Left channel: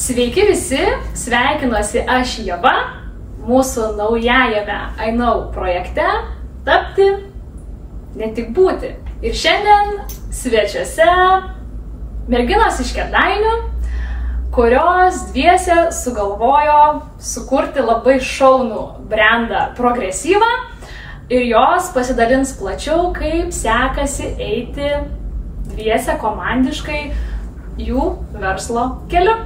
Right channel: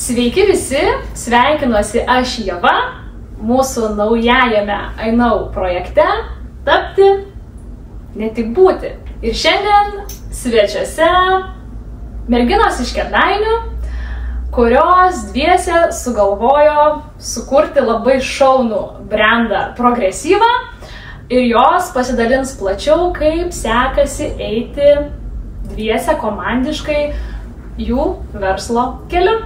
Sveiki visi, sveikinuosi aš Ieva, mūsų naujajame I Know projekte tapti, ne tik būti. Ir šiandien svečiuose merginos iš Kėdainių, kurios dviese sugalvojo sukurti labai šaunų brandą Progresyva ir jos pasidalins plačiau, kaip sekasi eiti dviese komandiškai jų verslo keliu.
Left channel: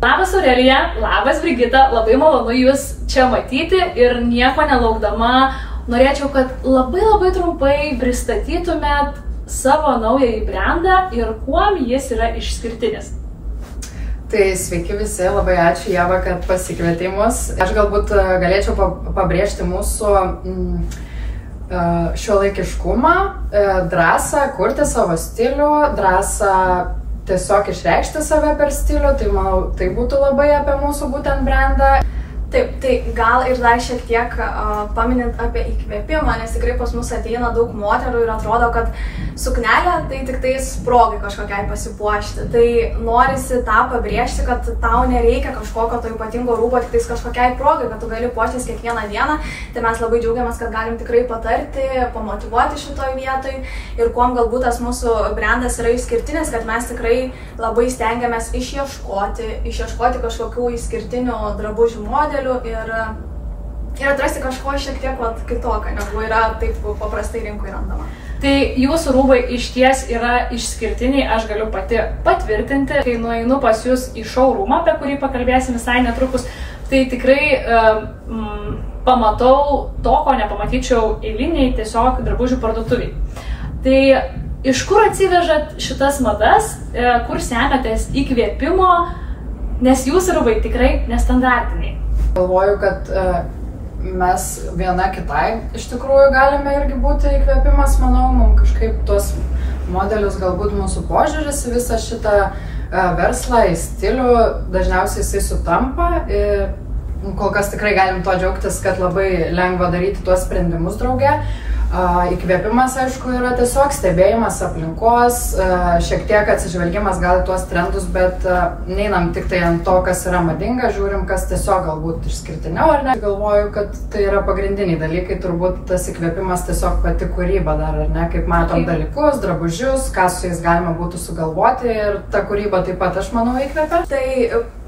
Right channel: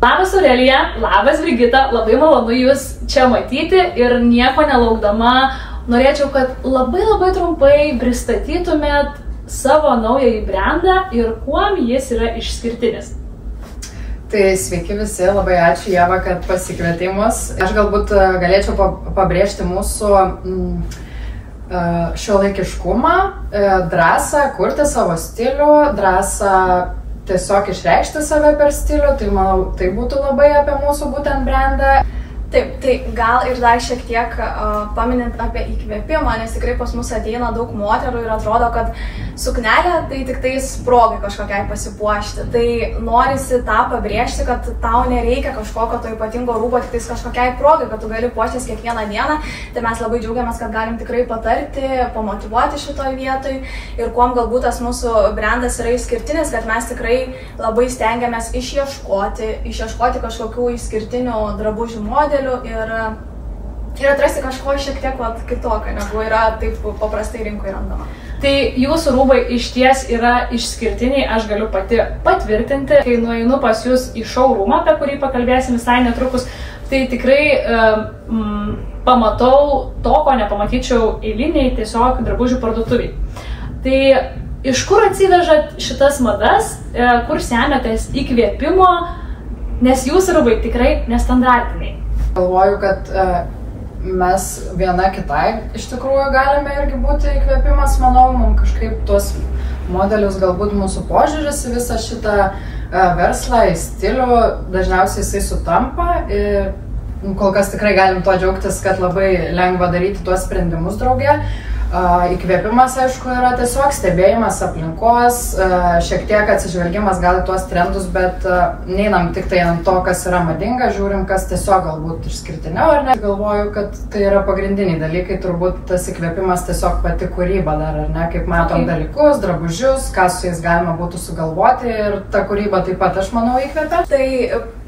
Labas Aurelija, labas Brigita, labai malonu jūs čia matyti ir nieko nelaukdama norėčiau, kad labai trumpai pristatytumėt savo naująjį brandą ir kuom jis yra išskirtinis. Tai sveiki visi, labai ačiū Ieva, kad pasikvietei mus. Aš galbūt galėčiau pabrėžti mūsų šiuolaikiškumą, drąsą kurti savo stilių, drąsą tiesiog išreikšti save per stilių, tai manau, tai būtų labai apie mūsų būtent brandą. Taip, tai gal ir dar šiek tiek paminint apie įkvėpimą, nes tikrai pas mus ateina daug moterų ir atrodo, kad suknelė tai tik tais progai kažkokiai pasipuošti. Tai norisi tą pabrėžti, kad tau nereikia kažkokio to ypatingo rūbo tik tais kažkokiai progai, kad tu gali puoštis kiekvieną dieną. Tai mes labai džiaugiamės, kad galim tikrai patarti, pamotyvuoti šitoj vietoj. Ir kuom galbūt tas mūsų brandas yra išskirtinis, kad mes tikrai labai stengiamės išieškoti kažkokių išskirtinių drabužių modelių ir atrasti kažko šiek tiek kitokio, negu yra taip paprastai rinkoje randama. Tai jūsų rūbai iš ties yra išskirtiniai, aš galiu pati patvirtinti. Kai nueinu pas jūs į showroomą, apie kurį pakalbėsim visai netrukus, tai tikrai pamatau to, ko nepamatyčiau eiliniai tiesiog drabužių parduotuviai. Tai iš kur atsivežat šitas madas, kur semiatės įkvėpimo, nes jūsų rūbai tikrai nestandartiniai. Galvoju, kad mes viena kitai iš tikrųjų galime irgi būti įkvėpimas, manau, mums kažkaip tuos modelius, galbūt mūsų požiūris į visą šitą verslą, į stilių, dažniausiai jisai sutampa ir kol kas tikrai galim to džiaugtis, kad labai lengva daryti tuos sprendimus drauge. Įkvėpimas, aišku, yra tiesiog stebėjimas aplinkos, šiek tiek atsižvelgimas gal į tuos trendus, bet neinam tik tai ant to, kas yra madinga, žiūrim, kas tiesiog galbūt išskirtiniau ar ne. Galvoju, kad tai yra pagrindiniai dalykai, turbūt tas įkvėpimas tiesiog pati kūryba dar, ar ne, kaip matom dalykus, drabužius, ką su jais galima būtų sugalvoti ir ta kūryba taip pat, aš manau, įkvėpia. Tai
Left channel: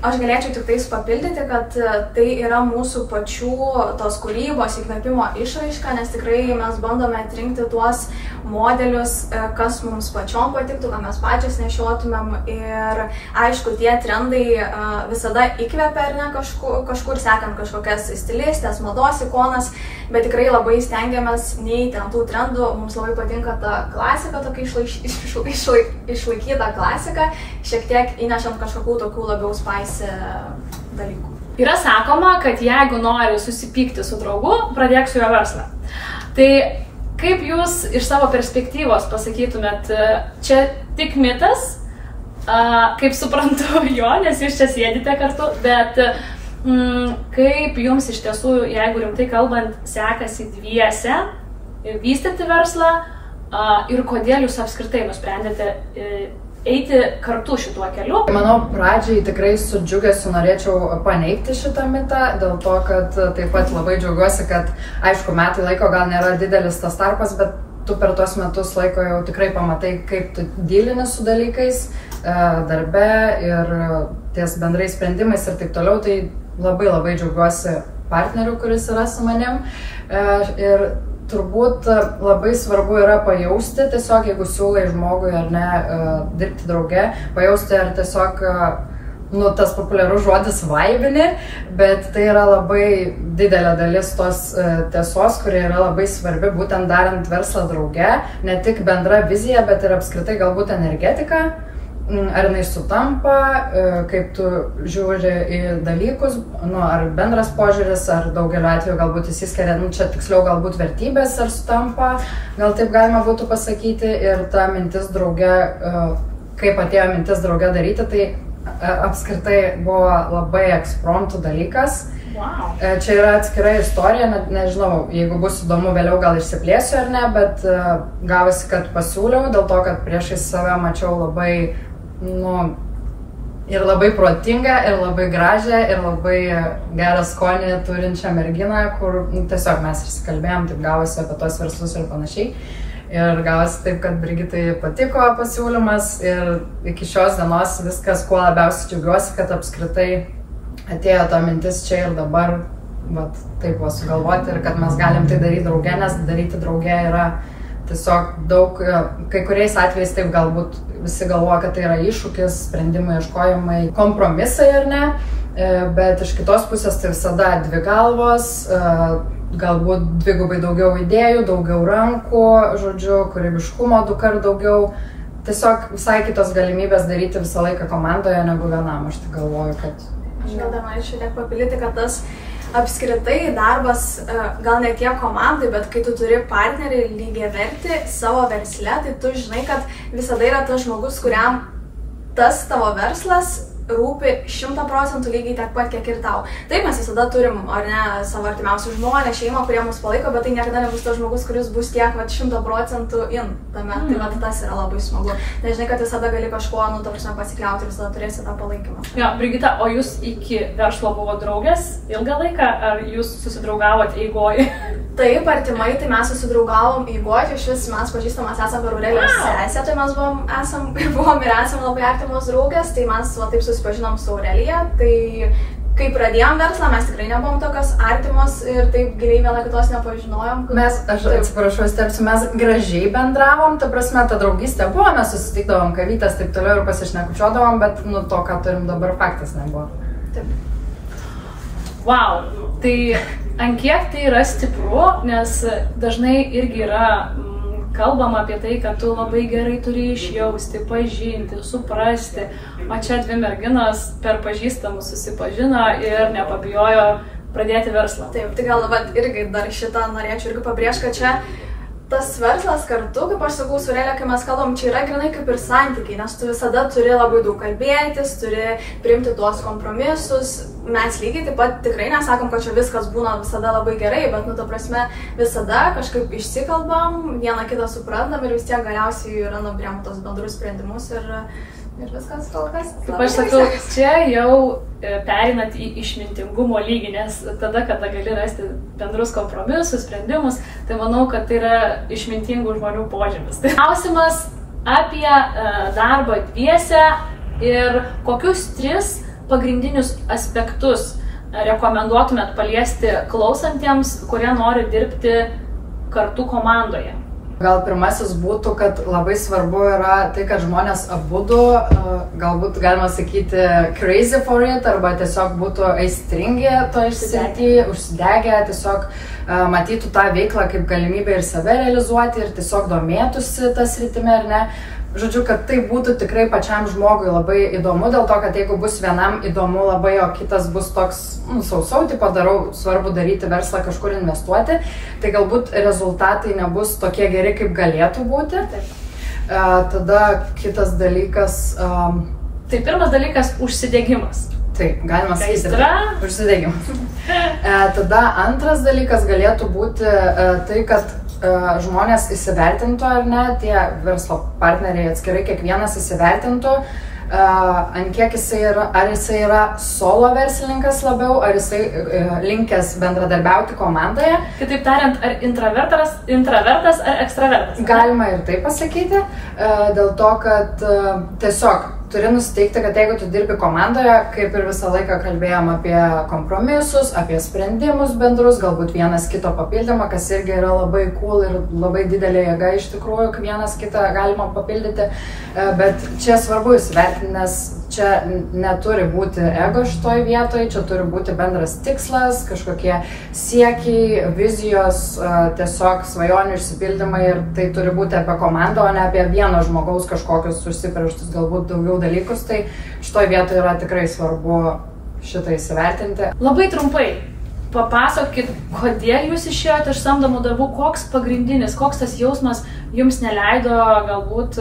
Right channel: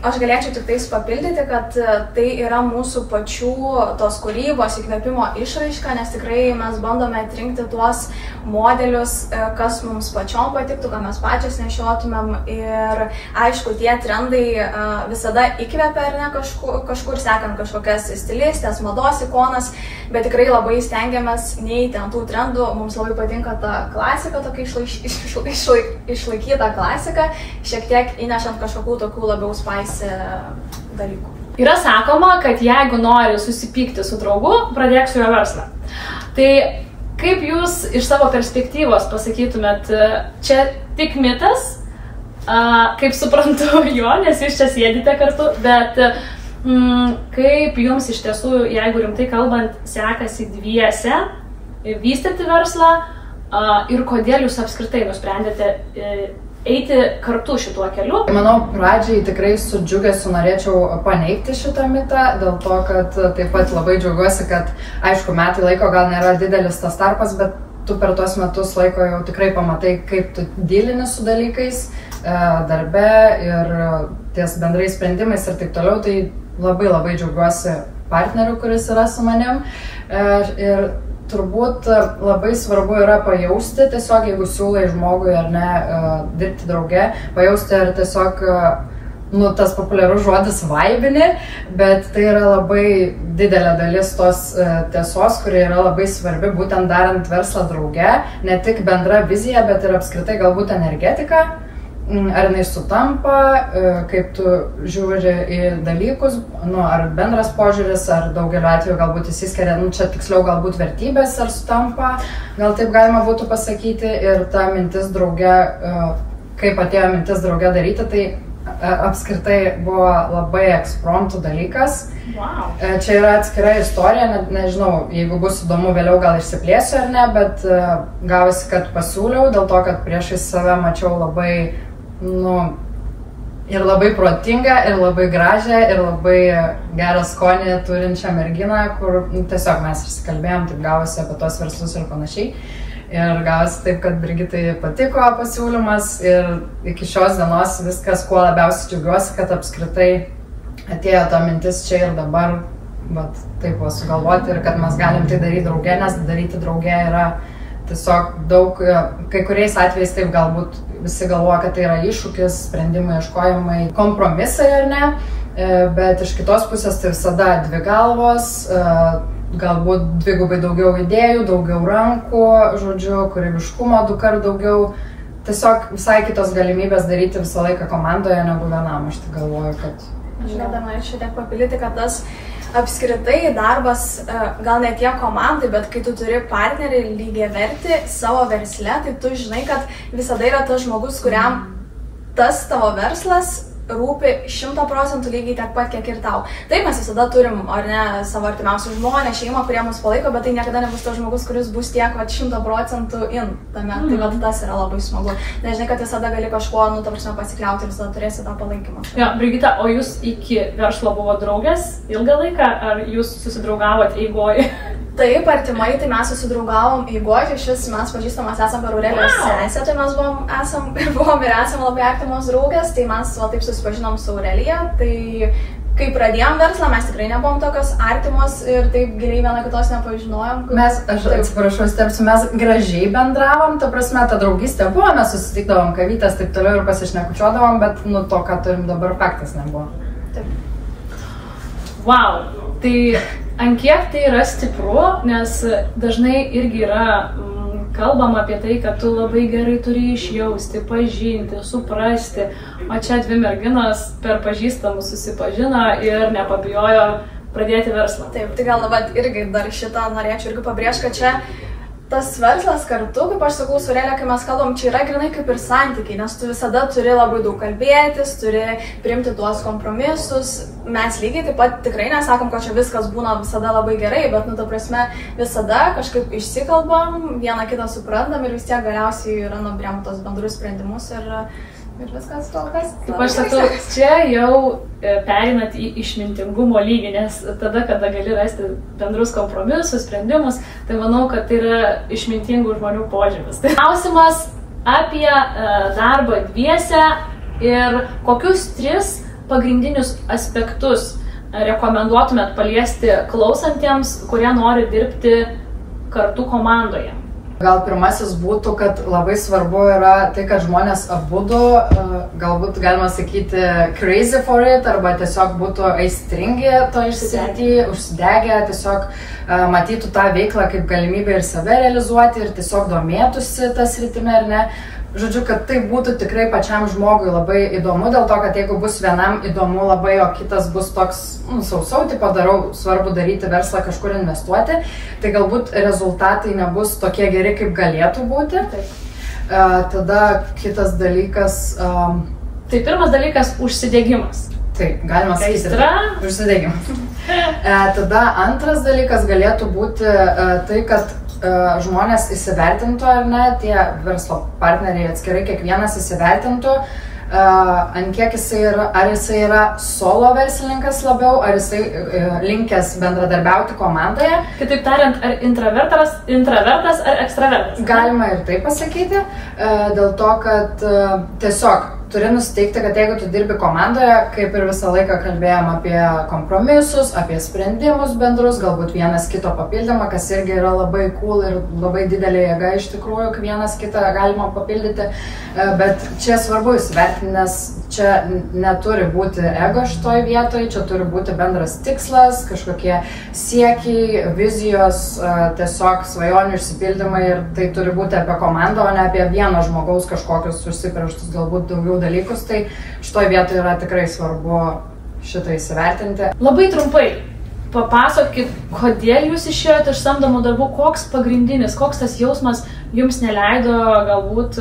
aš galėčiau tik tais papildyti, kad tai yra mūsų pačių tos kūrybos įkvėpimo išraiška, nes tikrai mes bandome atrinkti tuos modelius, kas mums pačiom patiktų, ką mes pačios nešiotumėm ir aišku, tie trendai visada įkvepia ar ne kažkur sekant kažkokias stilistės, mados ikonas, bet tikrai labai stengiamės neiti ant tų trendų, mums labai patinka ta klasika, tokia išlaikyta klasika, šiek tiek įnešant kažkokių tokių labiau spice dalykų. Yra sakoma, kad jeigu nori susipykti su draugu, pradėk su jo verslą. Tai kaip jūs iš savo perspektyvos pasakytumėt, čia tik mitas, kaip suprantu jo, nes jūs čia sėdite kartu, bet kaip jums iš tiesų, jeigu rimtai kalbant, sekasi dviese vystyti verslą ir kodėl jūs apskritai nusprendėte eiti kartu šituo keliu? Manau, pradžiai tikrai su džiugesiu norėčiau paneigti šitą mitą, dėl to, kad taip pat labai džiaugiuosi, kad aišku, metai laiko gal nėra didelis tas tarpas, bet tu per tuos metus laiko jau tikrai pamatai, kaip tu dylini su dalykais darbe ir ties bendrais sprendimais ir taip toliau, tai labai džiaugiuosi partneriu, kuris yra su manim ir turbūt labai svarbu yra pajausti, tiesiog jeigu siūlai žmogui ar ne dirbti drauge, pajausti ar tiesiog, tas populiarus žodis vaibini, bet tai yra labai didelė dalis tos tiesos, kuri yra labai svarbi būtent darant verslą drauge, ne tik bendra vizija, bet ir apskritai galbūt energetika. Ar jinai sutampa, kaip tu žiūri į dalykus, ar bendras požiūris, ar daugeliu atveju galbūt įsiskiria, čia tiksliau galbūt vertybės, ar sutampa, gal taip galima būtų pasakyti, ir ta mintis drauge, kaip atėjo mintis drauge daryti, tai apskritai buvo labai ekspromtų dalykas. Wow. Čia yra atskira istorija, nežinau, jeigu bus įdomu vėliau gal išsiplėsiu ar ne, bet gavosi, kad pasiūliau, dėl to, kad priešais save mačiau labai ir labai protingą, ir labai gražią, ir labai gerą skonį turinčią merginą, kur tiesiog mes išsikalbėjom, taip gavosi apie tos verslus ir panašiai. Ir gavosi taip, kad Brigitai patiko pasiūlymas ir iki šios dienos viskas, kuo labiausiai džiaugiuosi, kad apskritai atėjo ta mintis čia ir dabar, bet taip sugalvoti ir kad mes galim tai daryti drauge, nes daryti drauge yra tiesiog daug, kai kuriais atvejais taip galbūt visi galvoja, kad tai yra iššūkis, sprendimai, ieškojimai, kompromisai ar ne, bet iš kitos pusės tai visada dvi galvos, galbūt dvigubai daugiau idėjų, daugiau rankų, žodžiu, kūrybiškumo 2 kart daugiau, tiesiog visai kitos galimybės daryti visą laiką komandoje negu vienam, aš tai galvoju, kad... Aš gal dar norėčiau tiek papildyti, kad tas apskritai darbas, gal ne tiek komandai, bet kai tu turi partnerį lygiavertį savo versle, tai tu žinai, kad visada yra tas žmogus, kuriam tas tavo verslas rūpi 100% lygiai tiek pat, kiek ir tau. Taip, mes visada turim, ar ne, savo artimiausių žmonės, šeimą, kurie mus palaiko, bet tai niekada nebus tas žmogus, kuris bus tiek 100% in tame. Tai tas yra labai smagu. Nežinai, kad visada gali kažkuo, pasikliauti ir visada turėsi tą palaikymą. Jo, Brigita, o jūs iki verslo buvo draugės ilgą laiką, ar jūs susidraugavot eigoj? Taip, artimai, tai mes susidraugavom eigoj, šis mes pažįstamas esam per Aurelijos sesę, tai mes buvom ir esam labai artimos draugės, tai mes taip susipažinom su Aurelija, tai kai pradėjom verslą, mes tikrai nebuvom tokios artimos ir taip giliai viena kitos nepažinojom. Aš atsiprašau, stepsiu, mes gražiai bendravom, ta prasme, ta draugystė buvo, mes susitikdavom kavytės, taip toliau ir pasišnekučiuodavom, bet to, ką turim dabar, faktas nebuvo. Taip. Wow, tai ant kiek tai yra stipru, nes dažnai irgi yra kalbama apie tai, kad tu labai gerai turi išjausti, pažinti, suprasti, o čia dvi merginos per pažįstamus susipažino ir nepabijojo pradėti verslą. Taip, tai gal irgi dar šitą norėčiau irgi pabrėžti, kad čia tas verslas kartu, kaip aš sakau, su Aurelija, kai mes kalbam, čia yra grinai kaip ir santykiai, nes tu visada turi labai daug kalbėtis, turi priimti tuos kompromisus. Mes lygiai taip pat tikrai nesakom, kad čia viskas būna visada labai gerai, bet, ta prasme, visada kažkaip išsikalbam, vieną kitą suprantam ir vis tiek galiausiai randam priemu tos bendrus sprendimus ir viskas kol kas. Kaip aš sakau, čia jau pereinat į išmintingumo lygį, nes tada, kada gali rasti bendrus kompromisus, sprendimus, tai manau, kad tai yra išmintingų žmonių požymis. Klausimas apie darbą dviese ir kokius 3 pagrindinius aspektus rekomenduotumėt paliesti klausantiems, kurie nori dirbti kartu komandoje. Gal pirmasis būtų, kad labai svarbu yra tai, kad žmonės abudu, galbūt galima sakyti crazy for it, arba tiesiog būtų aistringi to išsitirti, užsidegę, tiesiog matytų tą veiklą kaip galimybę ir save realizuoti ir tiesiog domėtųsi tas rytime ar ne. Žodžiu, kad tai būtų tikrai pačiam žmogui labai įdomu, dėl to, kad jeigu bus vienam įdomu labai, o kitas bus toks sausau, tipo darau, svarbu daryti verslą, kažkur investuoti, tai galbūt rezultatai nebus tokie geri, kaip galėtų būti. Tada kitas dalykas... Tai pirmas dalykas - užsidegimas. Taip, galima sakyti. Užsidegimas. Tada antras dalykas galėtų būti tai, kad žmonės įsivertintų ar ne, tie verslo partneriai atskirai kiekvienas įsivertintų, ant kiek ar jisai yra solo verslininkas labiau, ar jisai linkęs bendradarbiauti komandoje. Kitaip tariant, ar intravertas ar ekstravertas? Galima ir taip pasakyti, dėl to, kad tiesiog turi nusiteikti, kad jeigu tu dirbi komandoje, kaip ir visą laiką kalbėjom apie kompromisus, apie sprendimus bendrus, galbūt vienas kito papildymą, kas irgi yra labai cool ir labai didelė jėga iš tikrųjų, kai vienas kitą galima papildyti, bet čia svarbu įsivertinti, nes čia neturi būti ego šitoj vietoj, čia turi būti bendras tikslas, kažkokie siekiai, vizijos, tiesiog svajonių išsipildymai ir tai turi būti apie komandą, o ne apie vieno žmogaus kažkokius užsibrėžtus galbūt daugiau dalykus, tai šitoj vietoje yra tikrai svarbu šitą įsivertinti. Labai trumpai papasakokit, kodėl jūs išėjote iš samdomų darbų, koks pagrindinis, koks tas jausmas jums neleido galbūt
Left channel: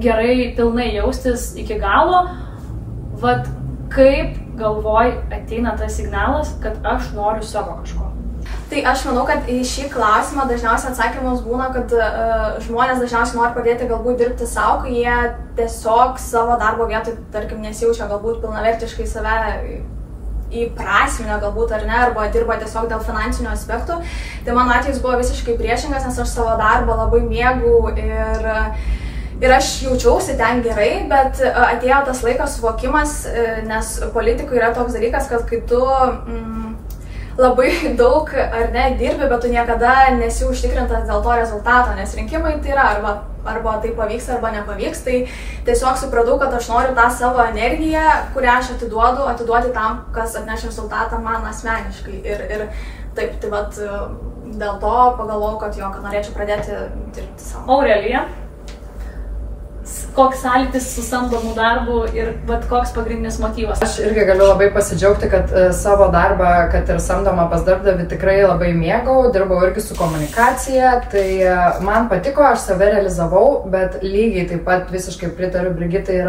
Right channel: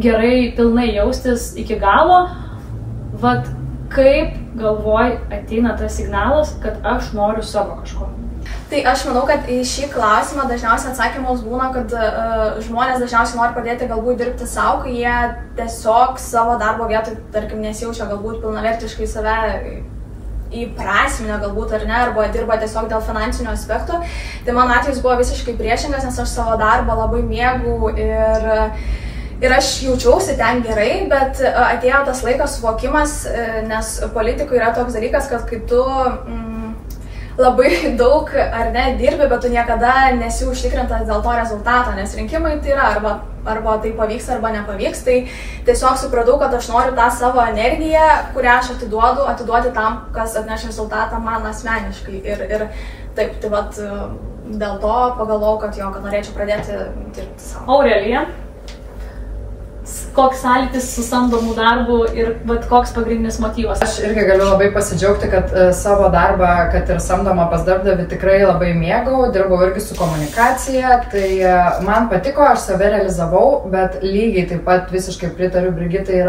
gerai pilnai jaustis iki galo, kaip galvoj ateina tas signalas, kad aš noriu savo kažko. Tai aš manau, kad į šį klausimą dažniausiai atsakymas būna, kad žmonės dažniausiai nori pradėti galbūt dirbti savo, kai jie tiesiog savo darbo vietoj, tarkim, nesijaučia galbūt pilnavertiškai save įprasminę galbūt ar ne, arba dirba tiesiog dėl finansinių aspektų. Tai mano atvejis buvo visiškai priešingas, nes aš savo darbą labai mėgau ir aš jaučiausi ten gerai, bet atėjo tas laikas suvokimas, nes politikui yra toks dalykas, kad kai tu labai daug ar ne dirbi, bet tu niekada nesi užtikrintas dėl to rezultato, nes rinkimai tai yra arba tai pavyks, arba nepavyks. Tai tiesiog supratau, kad aš noriu tą savo energiją, kurią aš atiduoti tam, kas atneš rezultatą man asmeniškai. Ir taip, tai vat dėl to pagalvojau, kad norėčiau pradėti dirbti savo. Aurelija, koks sąlytis su samdomu darbu ir koks pagrindinis motyvas? Aš irgi galiu labai pasidžiaugti, kad savo darbą, kad ir samdomą pas darbdavį, tikrai labai mėgau, dirbau irgi su komunikacija, tai man patiko, aš save realizavau, bet lygiai taip pat visiškai pritariu Brigitai,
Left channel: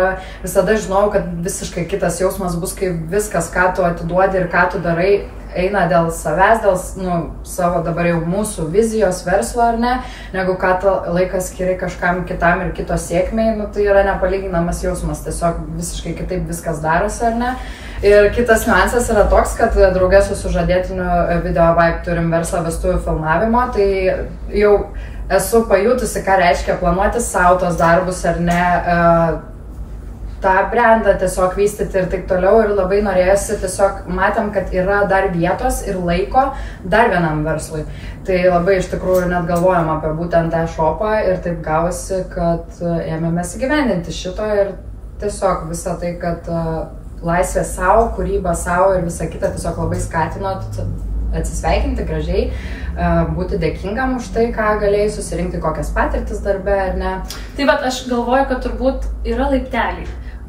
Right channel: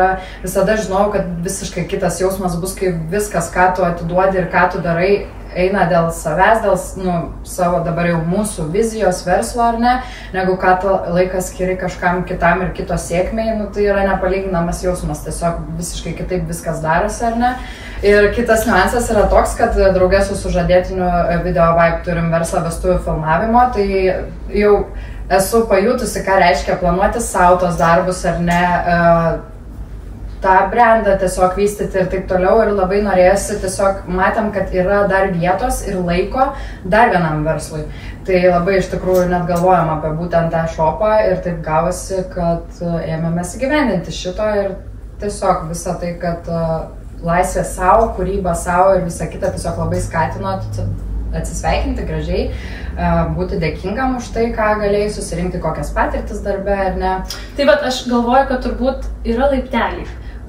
visada žinau, kad visiškai kitas jausmas bus, kai viskas, ką tu atiduodi ir ką tu darai, eina dėl savęs, dėl savo dabar jau mūsų vizijos verslo ar ne, negu ką tu laikas skiri kažkam kitam ir kito sėkmei, tai yra nepalyginamas jausmas, tiesiog visiškai kitaip viskas darosi ar ne. Ir kitas niuansas yra toks, kad draugė su sužadėtiniu Video Vibe turim verslą vestuvių filmavimo, tai jau esu pajutusi, ką reiškia planuoti savo tos darbus ar ne, tą brandą tiesiog vystyti ir taip toliau, ir labai norėjusi, tiesiog matėm, kad yra dar vietos ir laiko dar vienam verslui. Tai labai iš tikrųjų net galvojam apie būtent tą shopą ir taip gavosi, kad ėmėmės įgyvendinti šito ir tiesiog visą tai, kad laisvė savo, kūryba savo ir visa kita tiesiog labai skatino atsisveikinti gražiai, būti dėkingam už tai, ką galėjai susirinkti, kokias patirtis darbe ar ne. Tai bet aš galvoju, kad turbūt yra laipteliai.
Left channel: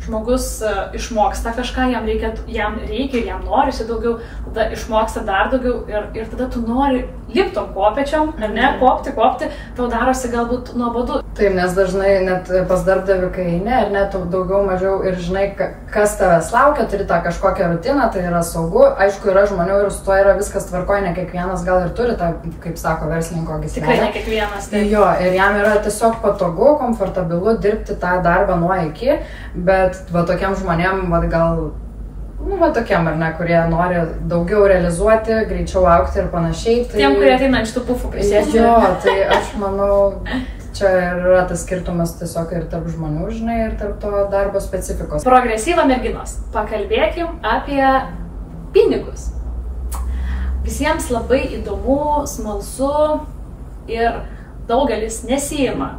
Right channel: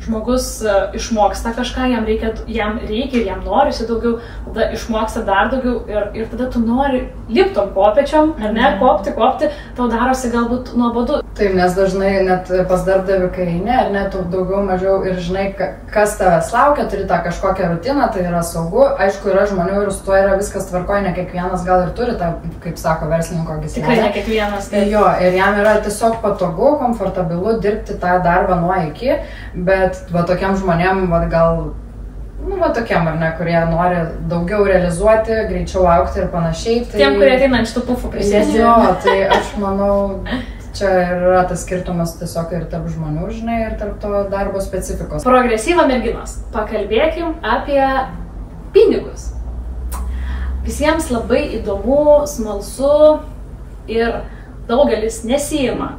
Žmogus išmoksta kažką, jam reikia ir jam norisi daugiau, tada išmoksta dar daugiau ir tada tu nori liptom kopėčiom, ar ne, kopti, tau darosi galbūt nuobodu. Taip, nes dažnai net pas darbdavį, kai eini, ar ne, tu daugiau mažiau ir žinai, kas tavęs laukia, turi tą kažkokią rutiną, tai yra saugu. Aišku, yra žmonių ir su tuo yra viskas tvarkoj, ne kiekvienas gal ir turi tą, kaip sako, verslininko gyslelę. Tikrai ne kiekvienas. Tai. Jo, ir jam yra tiesiog patogu, komfortabilu dirbti tą darbą nuo iki, bet va tokiam žmonėm, va tokiam ar ne, kurie nori daugiau realizuoti, greičiau aukti ir panašiai. Tai... Tiem, kurie ateina iš tų pufų prisėsti. Jo, tai aš manau, čia yra tas skirtumas tiesiog ir tarp žmonių, žinai, ir tarp to darbo specifikos. Progresyva merginos. Pakalbėkim apie pinigus. Visiems labai įdomu, smalsu ir daugelis nesiima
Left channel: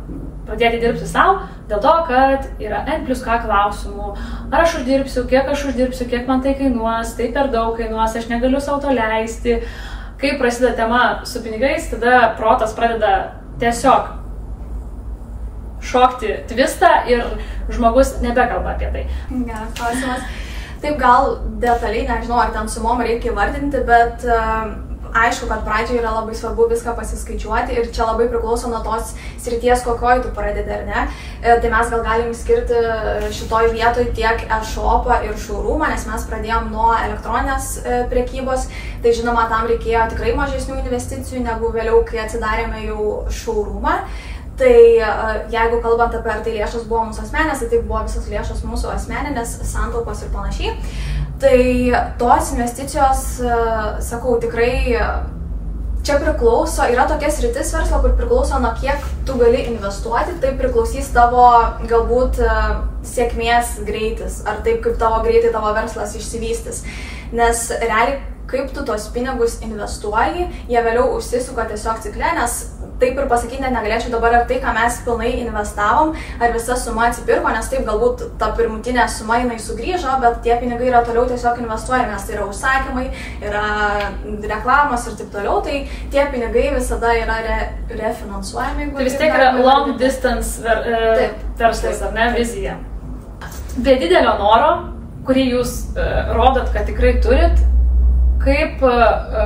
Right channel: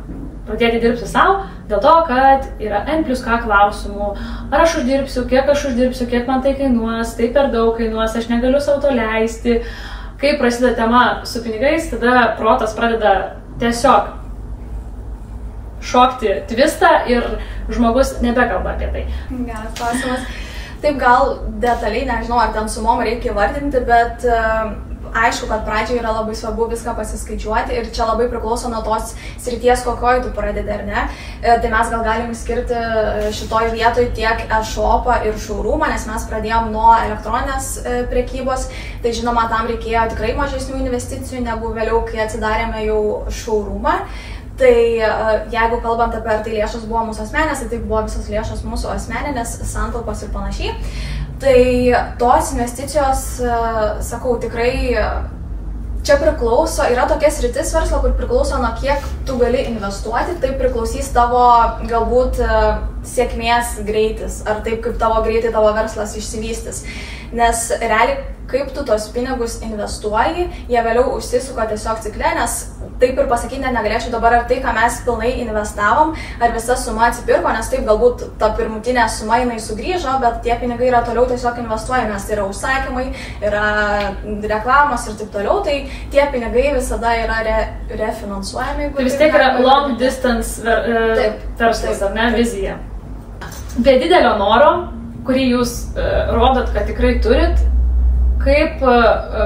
pradėti dirbti savo, dėl to, kad yra N+K klausimų. Ar aš uždirbsiu, kiek man tai kainuos, tai per daug kainuos, aš negaliu sau to leisti. Kai prasideda tema su pinigais, tada protas pradeda tiesiog šokti tvistą ir žmogus nebekalba apie tai. Geras klausimas. Taip, gal detaliai, nežinau, ar ten sumom reikia įvardinti, bet aišku, kad pradžioje yra labai svarbu viską pasiskaičiuoti ir čia labai priklauso nuo tos srities, kokioje tu pradedi, ar ne. Tai mes gal galim skirti šitoj vietoj tiek e-shopą ir showroomą, nes mes pradėjom nuo elektroninės prekybos, tai žinoma, tam reikėjo tikrai mažesnių investicijų negu vėliau, kai atsidarėme jau showroomą. Tai jeigu kalbant apie ar tai lėšos buvo mūsų asmeninės, tai buvo visos lėšos mūsų asmeninės, santaupos ir panašiai. Tai tos investicijos, sakau, tikrai čia priklauso, yra tokia sritis verslo, kur priklauso nuo kiek tu gali investuoti, tai priklausys tavo galbūt sėkmės greitis, ar taip kaip tavo greitai tavo verslas išsivystys. Nes realiai, kaip tu tos pinigus investuoji, jie vėliau užsisuka tiesiog cikle, nes taip ir pasakyti negalėčiau dabar, ar tai, ką mes pilnai investavom, ar visa suma atsipirko, nes taip galbūt ta pirmutinė suma jinai sugrįžo, bet tie pinigai yra toliau tiesiog investuojami, nes tai yra užsakymai, yra reklamos ir taip toliau, tai tie pinigai visada yra refinansuojami. Tai vis tiek yra long distance verslas, ar ne, vizija. Be didelio noro, kurį jūs rodot, kad tikrai turit, kaip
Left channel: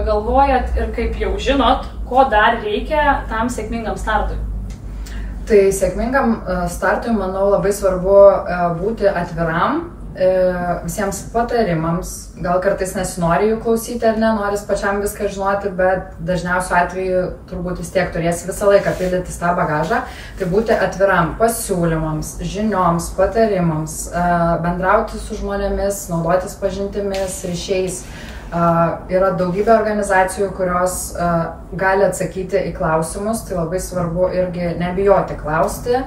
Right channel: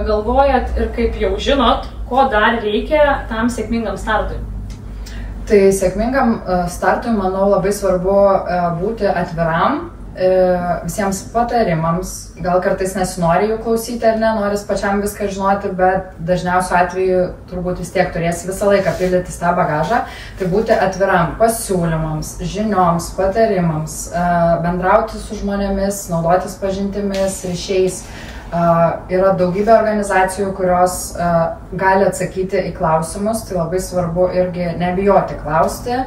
galvojat ir kaip jau žinot, ko dar reikia tam sėkmingam startui? Tai sėkmingam startui, manau, labai svarbu būti atviram, visiems patarimams, gal kartais nesinori jų klausyti ar ne, noris pačiam viską žinoti, bet dažniausiu atveju turbūt vis tiek turėsi visą laiką pildyti tą bagažą, tai būti atviram pasiūlymams, žinioms, patarimams, bendrauti su žmonėmis, naudotis pažintimis, ryšiais. Yra daugybė organizacijų, kurios gali atsakyti į klausimus, tai labai svarbu irgi nebijoti klausti,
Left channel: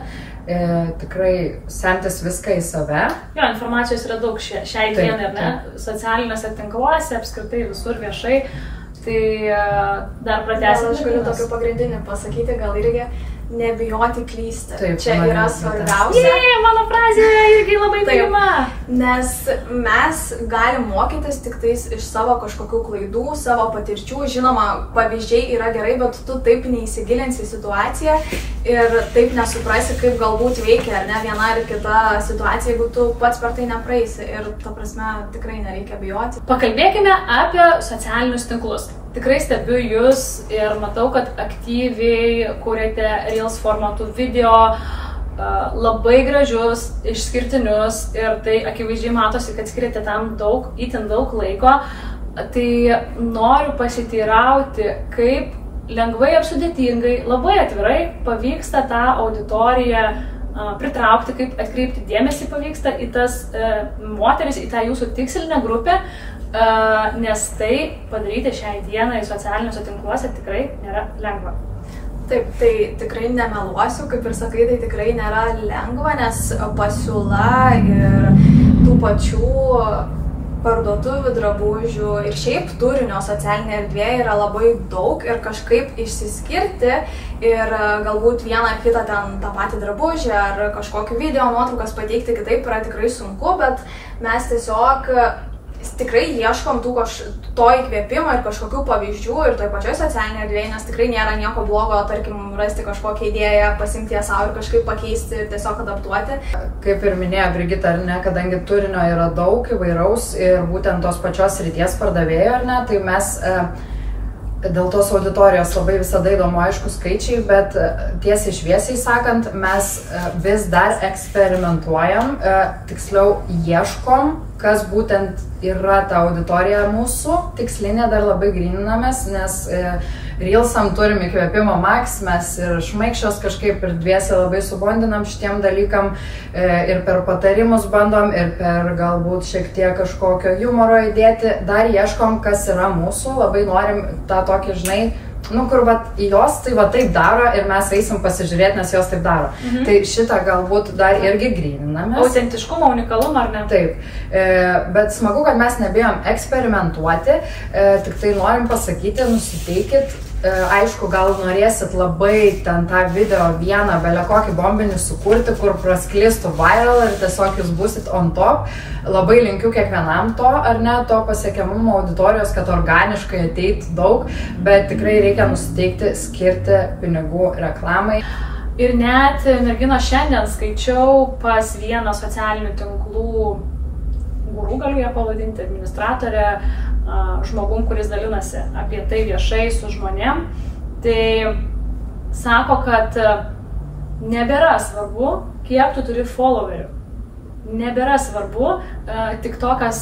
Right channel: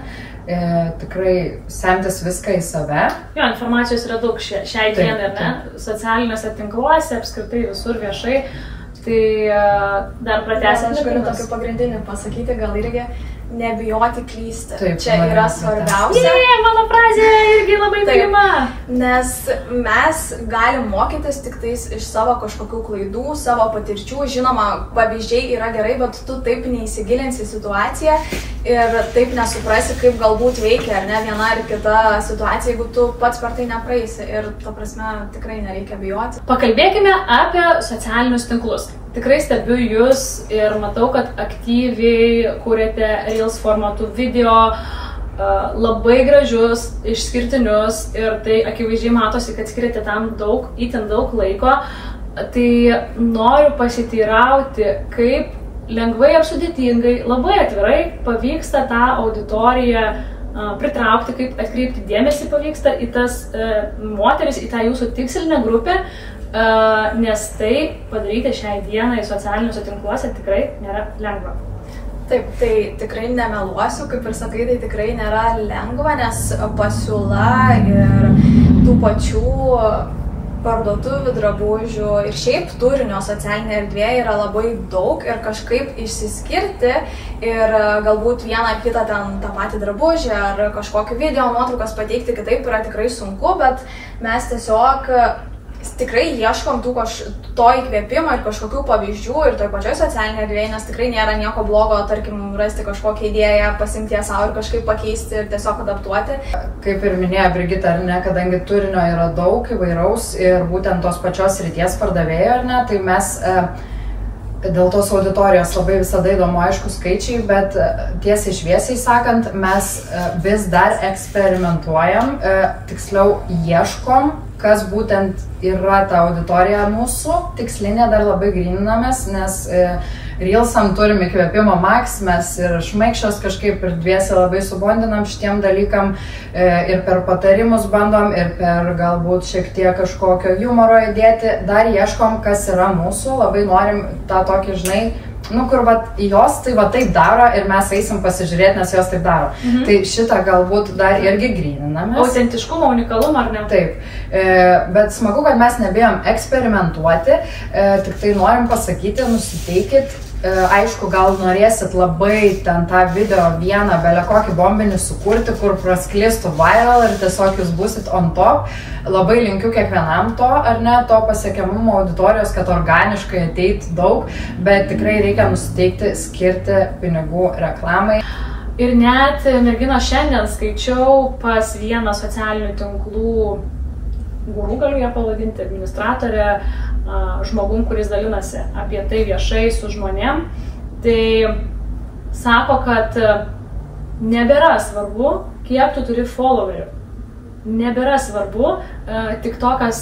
tikrai semtis viską į save. Jo, informacijos yra daug šiai dienai, ar ne? Socialiniuose tinkluose, apskritai visur viešai, tai dar pratęsime. Aš galiu tokį pagrindinį pasakyti, gal irgi nebijoti klysti. Taip, čia yra svarbiausia. Mano frazė irgi labai mylima. Nes mes galim mokytis tik tais iš savo kažkokių klaidų, savo patirčių. Žinoma, pavyzdžiai yra gerai, bet tu taip neįsigilinsi į situaciją ir taip nesuprasi, kaip galbūt veikia ar ne viena ar kita situacija, jeigu tu pats per tai nepraeisi. Ir ta prasme tikrai nereikia bijoti. Pakalbėkime apie socialinius tinklus. Tikrai stebiu jūs ir matau, kad aktyviai kūrėte Reels formatų video, labai gražius, išskirtinius ir tai akivaizdžiai matosi, kad skiriate tam itin daug laiko. Tai noriu pasiteirauti, kaip lengvai ar sudėtingai, labai atvirai pavyksta tą auditoriją pritraukti, kaip atkreipti dėmesį pavyksta į tas moteris, į tą jūsų tikslinę grupę, nes tai padaryti šiai dienai socialiniuose tinkluose tikrai nėra lengva. Taip, tai tikrai nemeluosiu, kaip ir sakai, tai tikrai nėra lengva, nes pasiūla ir tų pačių parduotuvių, drabužių ir šiaip turinio socialinėje erdvėje yra labai daug ir kažkaip išsiskirti ir galbūt vieną ar kitą ten tą patį drabužį ar kažkokį video nuotraukas pateikti kitaip yra tikrai sunku, bet mes tiesiog tikrai ieškom to įkvėpimo ir kažkokių pavyzdžių ir toj pačioj socialinėje erdvėje, nes tikrai nėra nieko blogo, tarkim, rasti kažkokią idėją, pasimti ją savo ir kažkaip pakeisti ir tiesiog adaptuoti. Kaip ir minėjo Brigita, ar ne, kadangi turinio yra daug įvairaus ir būtent tos pačios srities pardavėjo, ar ne, tai mes dėl tos auditorijos labai visada įdomu, aišku, skaičiai, bet tiesiai šviesiai sakant, mes vis dar eksperimentuojam, tiksliau ieškom, kas būtent yra ta auditorija mūsų, tikslinė dar labai gryninamės, nes Reelsam turim įkvėpimo maks, mes ir šmaikščios kažkaip ir dviese labai subondinam šitiem dalykam ir per patarimus bandom ir per galbūt šiek tiek kažkokio humoro įdėti, dar ieškom, kas yra mūsų, labai norim tą tokį, žinai, kur jos tai taip daro ir mes eisim pasižiūrėti, nes jos taip daro. Tai šitą galbūt dar irgi gryninamės. Autentiškumo, unikalumą, ar ne? Taip, bet smagu, kad mes nebijom eksperimentuoti, tik tai norim pasakyti, nusiteikit. Aišku, gal norėsit labai ten tą video vieną belė kokį bombinį sukurti, kur prasklistų viral ir tiesiog jūs būsit on top. Labai linkiu kiekvienam to, ar ne, to pasiekiamumo auditorijos, kad organiškai ateitų daug, bet tikrai reikia nusiteikti, skirti pinigų reklamai. Ir net, merginos, šiandien skaičiau pas vieną socialinių tinklų guru, galiu ją pavadinti, administratorę, žmogum, kuris dalinasi apie tai viešai su žmonėm, tai sako, kad nebėra svarbu, kiek tu turi followerių. Nebėra svarbu, TikTokas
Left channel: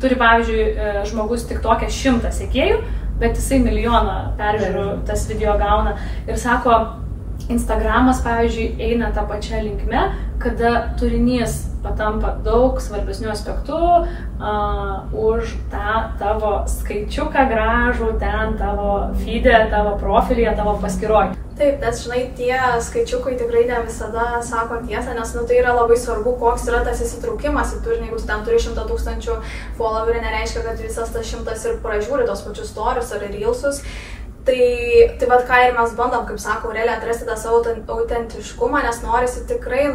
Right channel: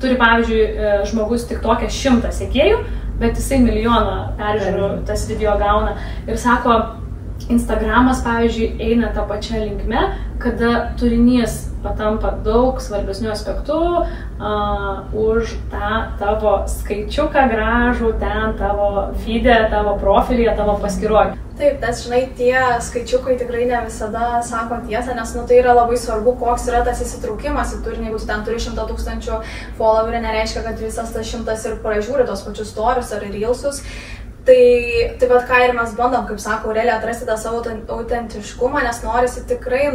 turi, pavyzdžiui, žmogus TikTok'e 100 sekėjų, bet jisai 1 milijoną peržiūrų tas video gauna. Ir sako, Instagramas, pavyzdžiui, eina tą pačią linkme, kada turinys patampa daug svarbesnių aspektų už tą tavo skaičiuką gražų, ten tavo feed'e, tavo profilyje, tavo paskyroje. Taip, nes žinai, tie skaičiukai tikrai ne visada sako tiesą, nes tai yra labai svarbu, koks yra tas įsitraukimas į turinį. Jeigu tu ten turi 100 000 followerių, nereiškia, kad visas tas 100 ir pražiūri tos pačius stories ar reelsus. Tai vat ką ir mes bandom, kaip sako Aurelija, atrasti tą savo autentiškumą, nes norisi tikrai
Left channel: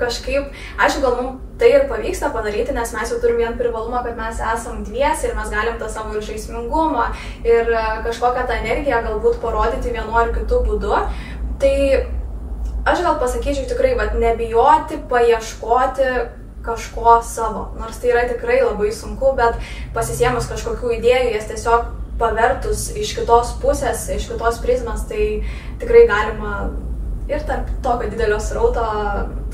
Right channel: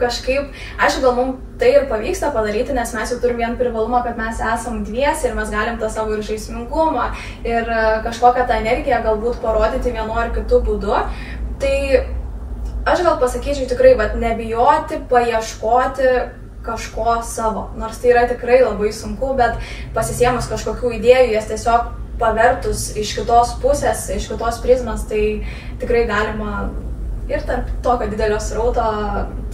kažkaip, aišku, gal mums tai ir pavyksta padaryti, nes mes jau turim vieną privalumą, kad mes esam dviesi ir mes galim tą savo ir žaismingumą ir kažkokią tą energiją galbūt parodyti vienu ar kitu būdu. Tai aš gal pasakyčiau tikrai, nebijoti, paieškoti kažko savo. Nors tai yra tikrai labai sunku, bet pasisėmus kažkokių idėjų, jas tiesiog pavertus iš kitos pusės, iš kitos prizmės, tai tikrai galima ir tarp tokio didelio srauto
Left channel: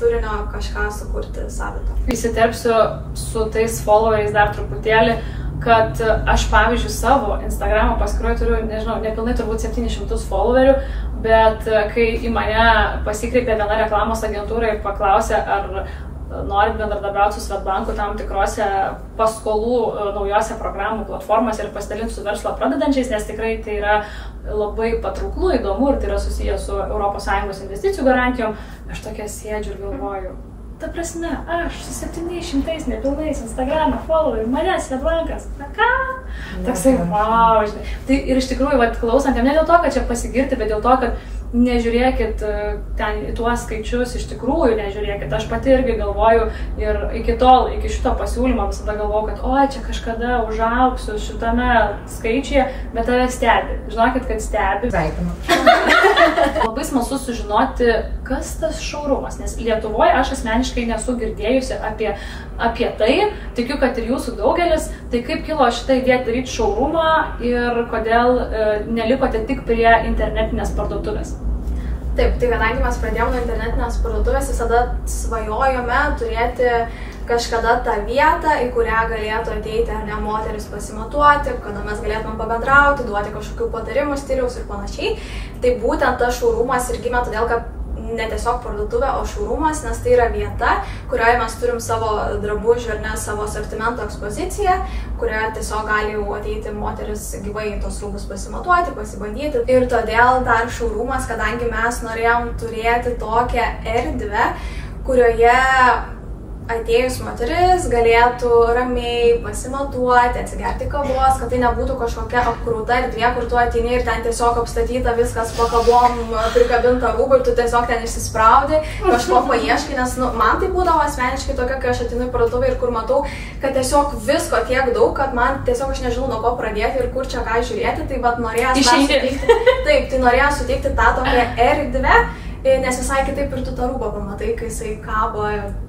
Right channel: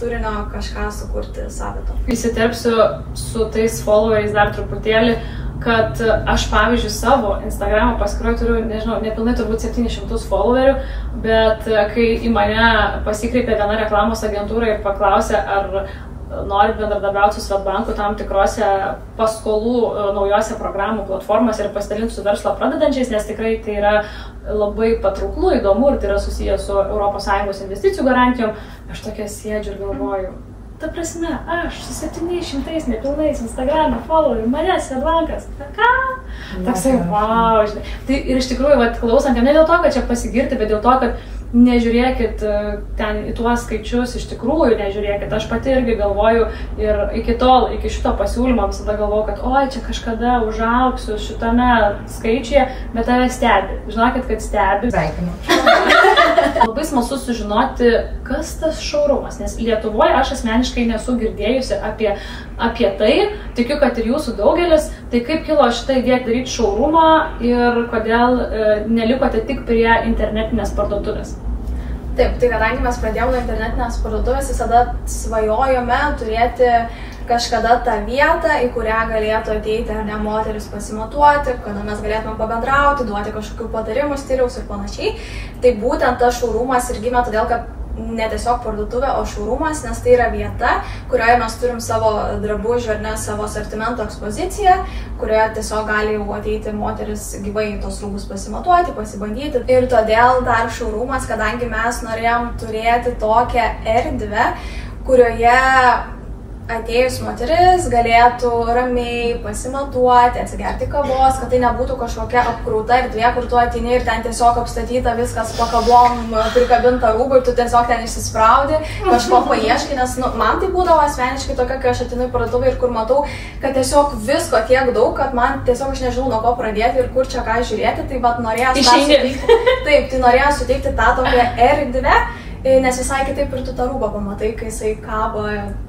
turinio kažką sukurti savito. Įsiterpsiu su tais followeriais dar truputėlį, kad aš, pavyzdžiui, savo Instagramo paskyroje turiu, nežinau, nepilnai turbūt 700 followerių, bet kai į mane pasikreipė viena reklamos agentūra ir paklausė, ar nori bendradarbiauti su Swedbanku tam tikrose paskolų naujose programų platformose ir pasidalinti su verslo pradedančiais, nes tikrai tai yra labai patrauklu, įdomu ir tai yra susijęs su ES investicijų garantijom. Aš tokia sėdžiu ir galvoju, ta prasme, aš su 700 nepilnais Instagram'e followerių, manęs Swedbankas, na ką? Toksai, wow, žinai. Tai ir iš tikrųjų, klausant, ne dėl to, kad čia pasigirti, bet dėl to, kad nežiūrėkit ten į tuos skaičius, iš tikrųjų nežiūrėkit. Aš pati irgi galvoju ir iki šito pasiūlymo visada galvoju, kad oi, čia kažkada užaugsiu šitame skaičiuje, bet tave stebi. Žinokit, kad stebi. Sveikinu. Labai smalsu sužinoti, kas tas showroomas, nes Lietuvoje aš asmeniškai nesu girdėjusi apie tai, tikiu, kad ir jūsų daugelis, tai kaip kilo šitą idėją daryti showroomą ir kodėl nelikote tik prie internetinės parduotuvės? Taip, tai kadangi mes pradėjome internetinės parduotuvės, visada svajojome turėti kažkada tą vietą, į kurią galėtų ateiti ar ne moteris pasimatuoti, kada mes galėtume pabendrauti, duoti kažkokių patarimų, stiliaus ir panašiai. Tai būtent tas showroomas ir gimė todėl, kad ne tiesiog parduotuvė, o showroomas, nes tai yra vieta, kurioje mes turim savo drabužių ar ne savo asortimento ekspoziciją, kurioje tiesiog gali ateiti moteris gyvai tos rūbus pasimatuoti, pasibandyti. Ir todėl dar showroomas, kadangi mes norėjom turėti tokią erdvę, kurioje atėjus moteris galėtų ramiai pasimatuoti, atsigerti kavos, kad tai nebūtų kažkokia apkrūta erdvė, kur tu ateini ir ten tiesiog apstatyta viskas po kabom, prikabinta rūbai ir tu tiesiog ten išsispraudi, kažko paieškai, nes man tai būdavo asmeniškai tokia, kai aš ateinu į parduotuvę ir kur matau, kad tiesiog visko tiek daug, kad man tiesiog aš nežinau, nuo ko pradėti ir kur čia ką žiūrėti, tai vat norėjau suteikti tą tokią erdvę, nes visai kitaip ir tu tą rūbą pamatai, kai jisai kabo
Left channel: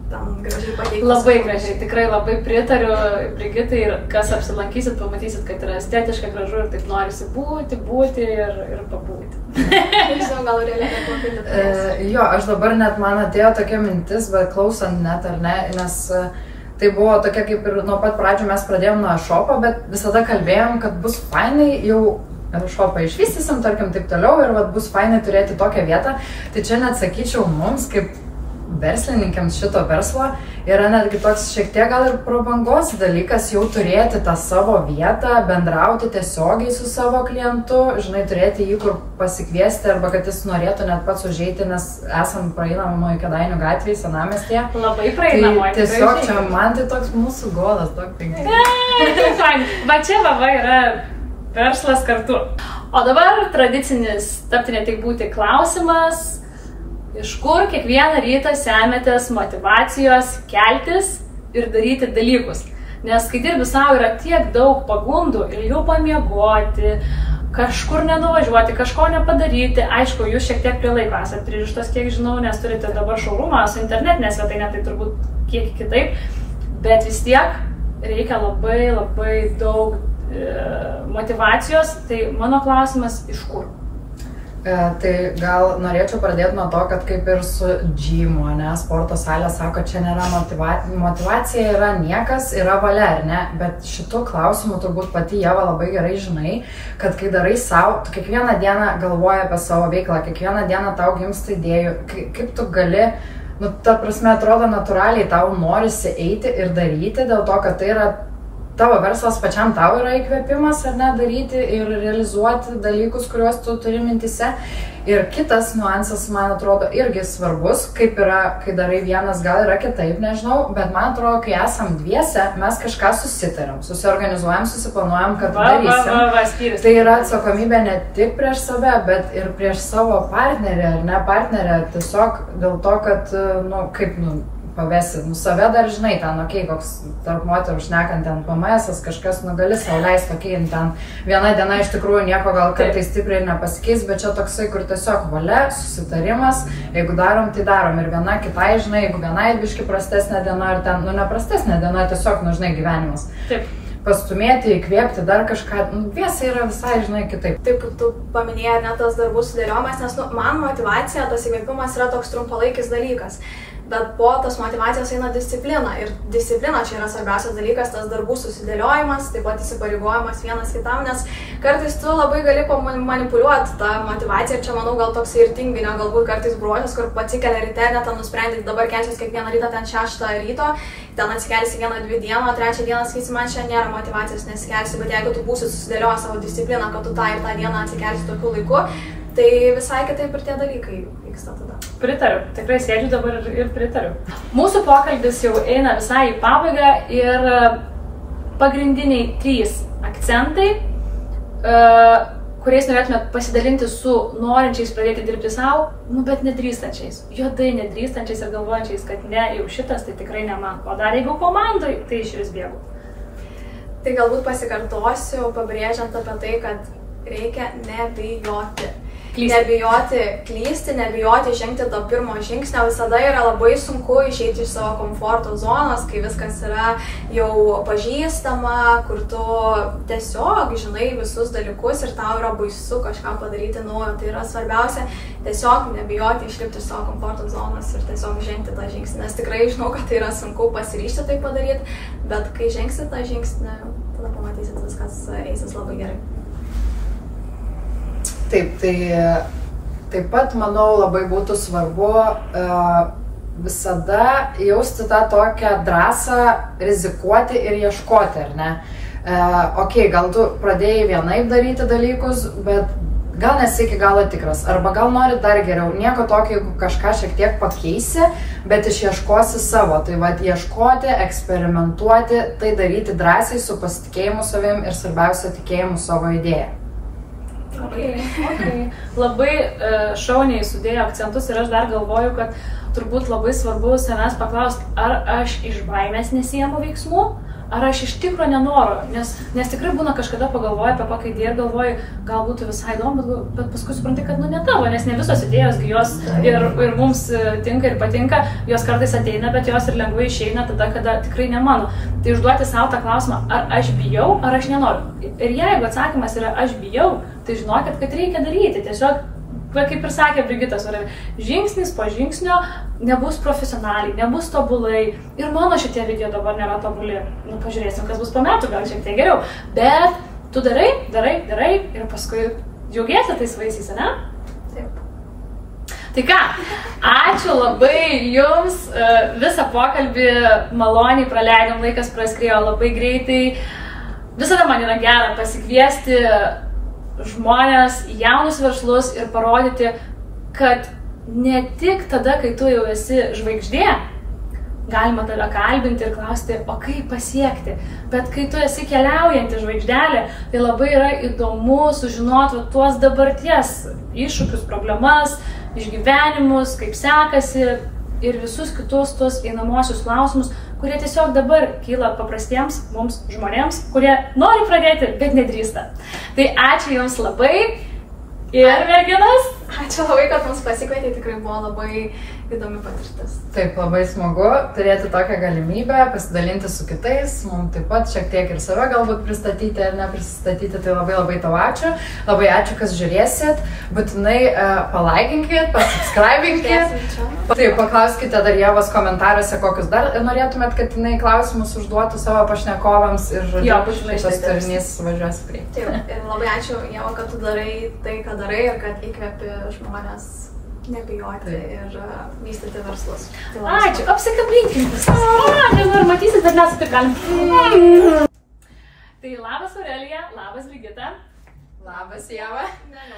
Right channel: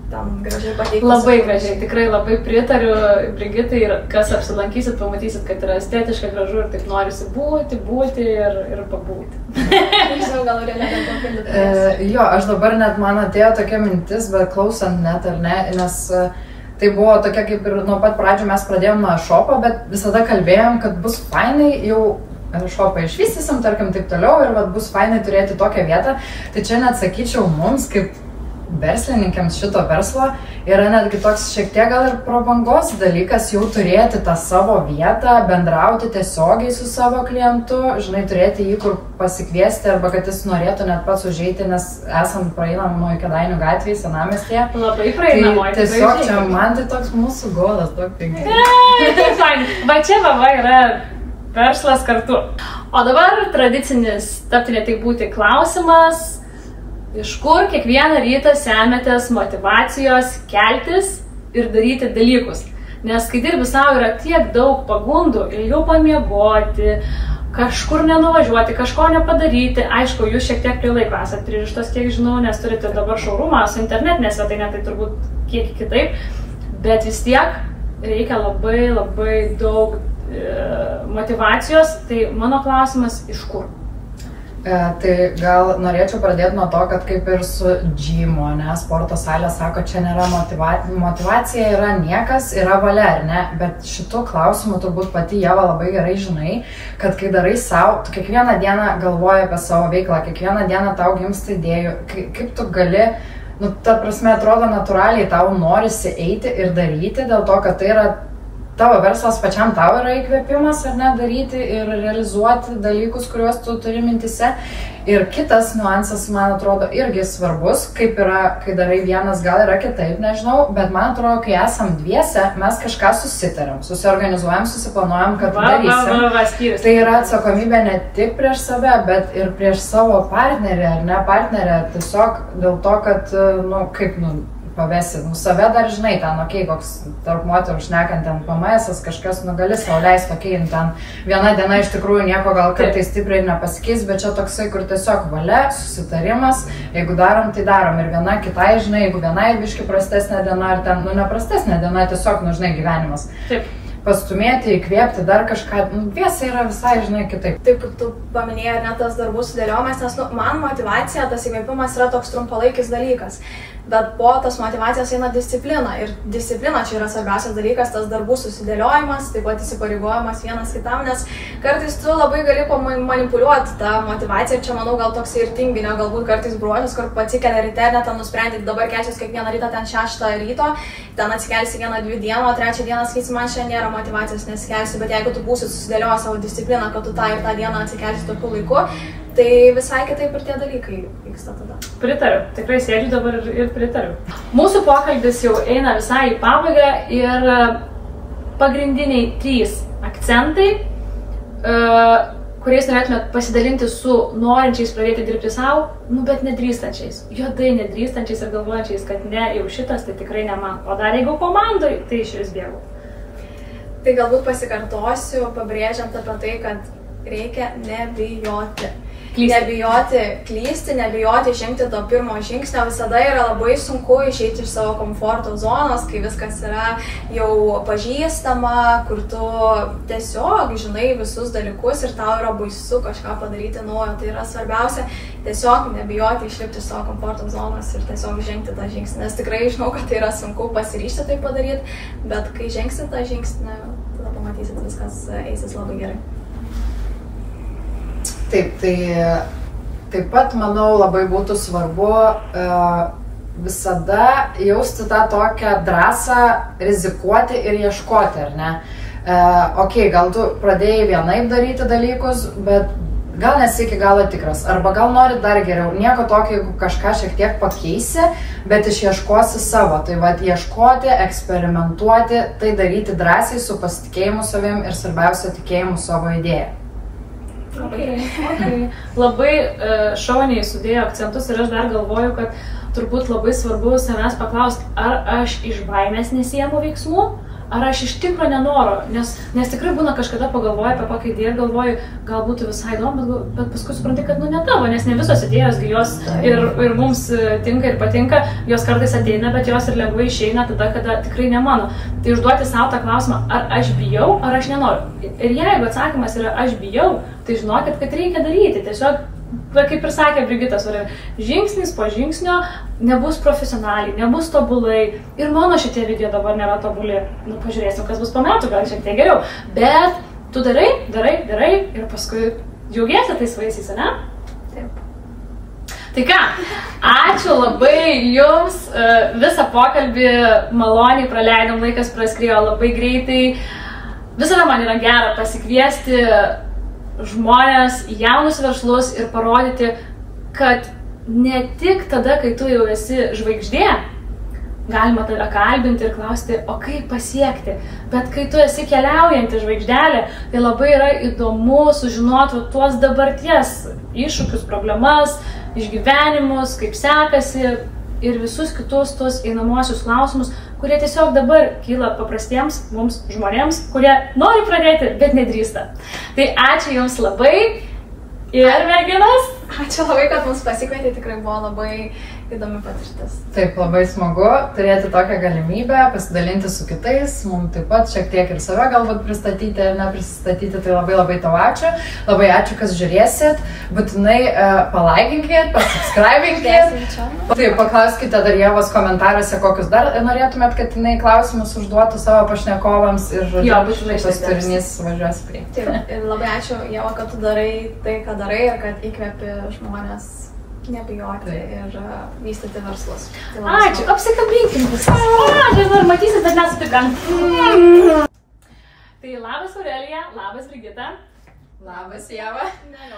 tam gražiai pateiktas. Labai gražiai, tikrai labai pritariu Brigitai ir kas apsilankysit, pamatysit, kad yra estetiška, gražu ir taip norisi būti ir pabūti. Žinau, gal Aurelija papildyti. Jo, aš dabar net man atėjo tokia mintis, bet klausant net ar ne, nes tai buvo tokia kaip ir nuo pat pradžių mes pradėjom nuo shop'o, bet visada kalbėjom, kad bus fainai jau shop'ą išvystysim, tarkim, taip toliau ir vat, bus fainai turėti tokią vietą. Tai čia net sakyčiau mums, kaip verslininkams šito verslo, yra netgi toks šiek tiek gal ir prabangos dalykas jau turėti tą savo vietą, bendrauti tiesiogiai su savo klientu, žinai, turėti jį kur pasikviesti arba kad jis norėtų net pats užeiti, nes esam praeinamoje Kėdainių gatvėje, senamiestyje. Labai praeinamoje. Tai tiesiog čia man tai toks mūsų golas, daug pinigų. Va čia yra verslas kartu. O dabar tradicinis, tapti ne tik būti klausimas, iš kur kiekvieną rytą semiatės motyvacijos keltis ir daryti dalykus. Nes kai dirbi savo yra tiek daug pagundų, ilgiau pamiegoti, kažkur nenuvažiuoti, kažko nepadaryti. Aišku, jūs šiek tiek prie laiko esate pririštas, kiek žinau, nes turite dabar showroomą su internetinė svetainė, tai turbūt kiek kitaip. Bet vis tiek reikia labai daug motyvacijos. Tai mano klausimas, iš kur? Tai gal norėčiau pradėti nuo to, kad kaip ir su gymu, ne, sporto salė sako, čia nėra motyvacija, yra niekas, yra valia, ar ne, bet šitų klausimų turbūt pati Ieva labai gerai žinai, kad kai darai savo, tu kiekvieną dieną galvoji apie savo veiklą, kiekvieną dieną tau gimsta idėjų, kaip tu gali, ta prasme, atrodo natūraliai tau norisi eiti ir daryti, dėl to, kad tai yra tavo verslas, pačiam tau yra įkvėpimas, ar ne, daryti ir realizuoti dalykus, kuriuos tu turi mintise. Ir kitas niuansas, man atrodo, irgi svarbus, kaip yra, kai darai vienas, gal yra kitaip, nežinau, bet man atrodo, kai esam dviese, mes kažką susitarėm, susiorganizuojam, susiplanuojam, kad darysim. Tai yra atsakomybė ne tik prieš save, bet ir prieš savo partnerį, ar ne partnerę, tiesiog dėl to, kad, pavesi, save dar žinai, ten, koks tarp moterų šnekant, ten PMS-as, kažkas, gali sau leisti, ten viena diena iš tikrųjų nieko gal kartais stipriai nepasikeis, bet čia toksai, kur tiesiog valia, susitarimas, jeigu darom, tai darom ir viena kitai, žinai, jeigu viena biški prastesnė diena, ar ten, neprastesnė diena, tiesiog, žinai, gyvenimas. Taip. pastumėti, įkvėpti, dar kažką, dviese yra visai, žinai, kitaip. Taip, kaip tu paminėjai, net tas darbų sudėliojimas, nes man motivacija, tas įkvėpimas yra toks trumpalaikis dalykas. Bet po tos motivacijos eina disciplina. Ir disciplina čia yra svarbiausias dalykas, tas darbų susidėliojimas, taip pat įsipareigojimas vienas kitam, nes kartais tu labai gali manipuliuoti tą motivaciją. Čia, manau, gal toks ir tinginio, galbūt kartais bruožas, kur atsikelia ryte, net ten nusprendė, dabar kelsiuos kiekvieną rytą ten 6 ryto, ten atsikelsi 1-2 dieną, o 3 dieną sakysi, man šiandien nėra motivacijos, nesikelsiu, bet jeigu tu būsi susidėlioję savo discipliną, kad tu tą ir tą dieną atsikelsi tokiu laiku, tai visai kitaip ir tie dalykai vyksta tada. Pritariu, tikrai sėdžiu dabar ir pritariu. Mūsų pokalbis jau eina visai į pabaigą ir pagrindiniai 3 akcentai, kuriais norėtumėt pasidalinti su norinčiais pradėti dirbti savo, bet nedrįstančiais. Juodai nedrįstančiais ir galvojančiais, kad ne, jau šitas tai tikrai ne man. O dar jeigu komandai, tai iš vis bėgu. Tai galbūt pasikartosiu, pabrėžiant apie tai, kad reikia nebijoti. Nebijoti klysti, nebijoti žengti to pirmo žingsnio. Visada yra labai sunku išeiti iš savo komforto zonos, kai viskas yra jau pažįstama, kur tu tiesiog žinai visus dalykus ir tau yra baisu kažką padaryti naujo. Tai yra svarbiausia tiesiog nebijoti išlipti iš savo komforto zonos ir tiesiog žengti tą žingsnį. Nes tikrai žinau, kad tai yra sunku pasiryžti tai padaryti, bet kai žengsi tą žingsnį, tada pamatysit, viskas eisis labai gerai. Taip, tai taip pat, manau, labai būtų svarbu visada jausti tą tokią drąsą rizikuoti ir ieškoti, ar ne? Gal tu pradėjai vienaip daryti dalykus, bet gal nesi iki galo tikras, arba gal nori dar geriau. Nieko tokio, jeigu kažką šiek tiek pakeisi, bet išieškosi savo. Tai vad, ieškoti, eksperimentuoti, tai daryti drąsiai su pasitikėjimu savim ir svarbiausia tikėjimu savo idėją. Labai šauniai sudėjo akcentus ir aš dar galvoju, kad turbūt labai svarbu savęs paklausti, ar aš iš baimės nesiimu veiksmų, ar aš iš tikro nenoriu, nes tikrai būna kažkada pagalvoju apie kokią idėją ir galvoju, gal būtų visai įdomu, bet paskui supranti, kad ne tavo, nes ne visos idėjos jos ir mums tinka ir patinka, jos kartais ateina, bet jos ir lengvai išeina tada, kada tikrai ne mano. Tai užduoti savo tą klausimą, ar aš bijau, ar aš nenoriu. Ir jeigu atsakymas yra aš bijau, tai žinokit, kad reikia daryti. Tiesiog, kaip ir sakė Brigitas, žingsnis po žingsnio nebus profesionaliai, nebus tobulai. Ir mano šitie video dabar nėra tobuli. Pažiūrėsim, kas bus po metų, gal šiek tiek geriau. Bet tu darai ir paskui džiaugiesi tais vaisiais, ne? Taip. Tai ką, ačiū labai jums, visą pokalbį maloniai praleidom, laikas praskriejo labai greitai. Visada man yra gera pasikviesti žmonės, jaunus verslus ir parodyti, kad ne tik tada, kai tu jau esi žvaigždė, galima tave kalbinti ir klausti, o kaip pasiekti, bet kai tu esi keliaujanti žvaigždelė, tai labai yra įdomu sužinoti tuos dabarties iššūkius, problemas, išgyvenimus, kaip sekasi ir visus kitus tus einamosius klausimus, kurie tiesiog dabar kyla paprastiems mums žmonėms, kurie nori pradėti, bet nedrįsta. Tai ačiū jums labai ir merginas. Ačiū labai, kad mus pasikvietė, tikrai buvo labai įdomi patirtis. Taip, labai smagu turėti tokią galimybę pasidalinti su kitais, mums taip pat šiek tiek ir save galbūt pristatyti ar neprisistatyti, tai labai tau ačiū. Labai ačiū, kas žiūrėsit, būtinai palaikinkit, pasubscribinkit. Taip, paklauskite dar Ievos komentaruose, kokius dar norėtumėt, kad jinai klausimus užduotų savo pašnekovams ir šitas turinys važiuos prie. Taip, ir labai ačiū Ieva, kad tu darai tai, ką darai ir kad įkvepi žmonės nebijoti ir vystyti verslus. Ačiū, apsikabinkim visas. Nežinau, ar matysit, bet mes taip galim. Tai labas Aurelija, labas Brigita. Labas Ieva. Ne,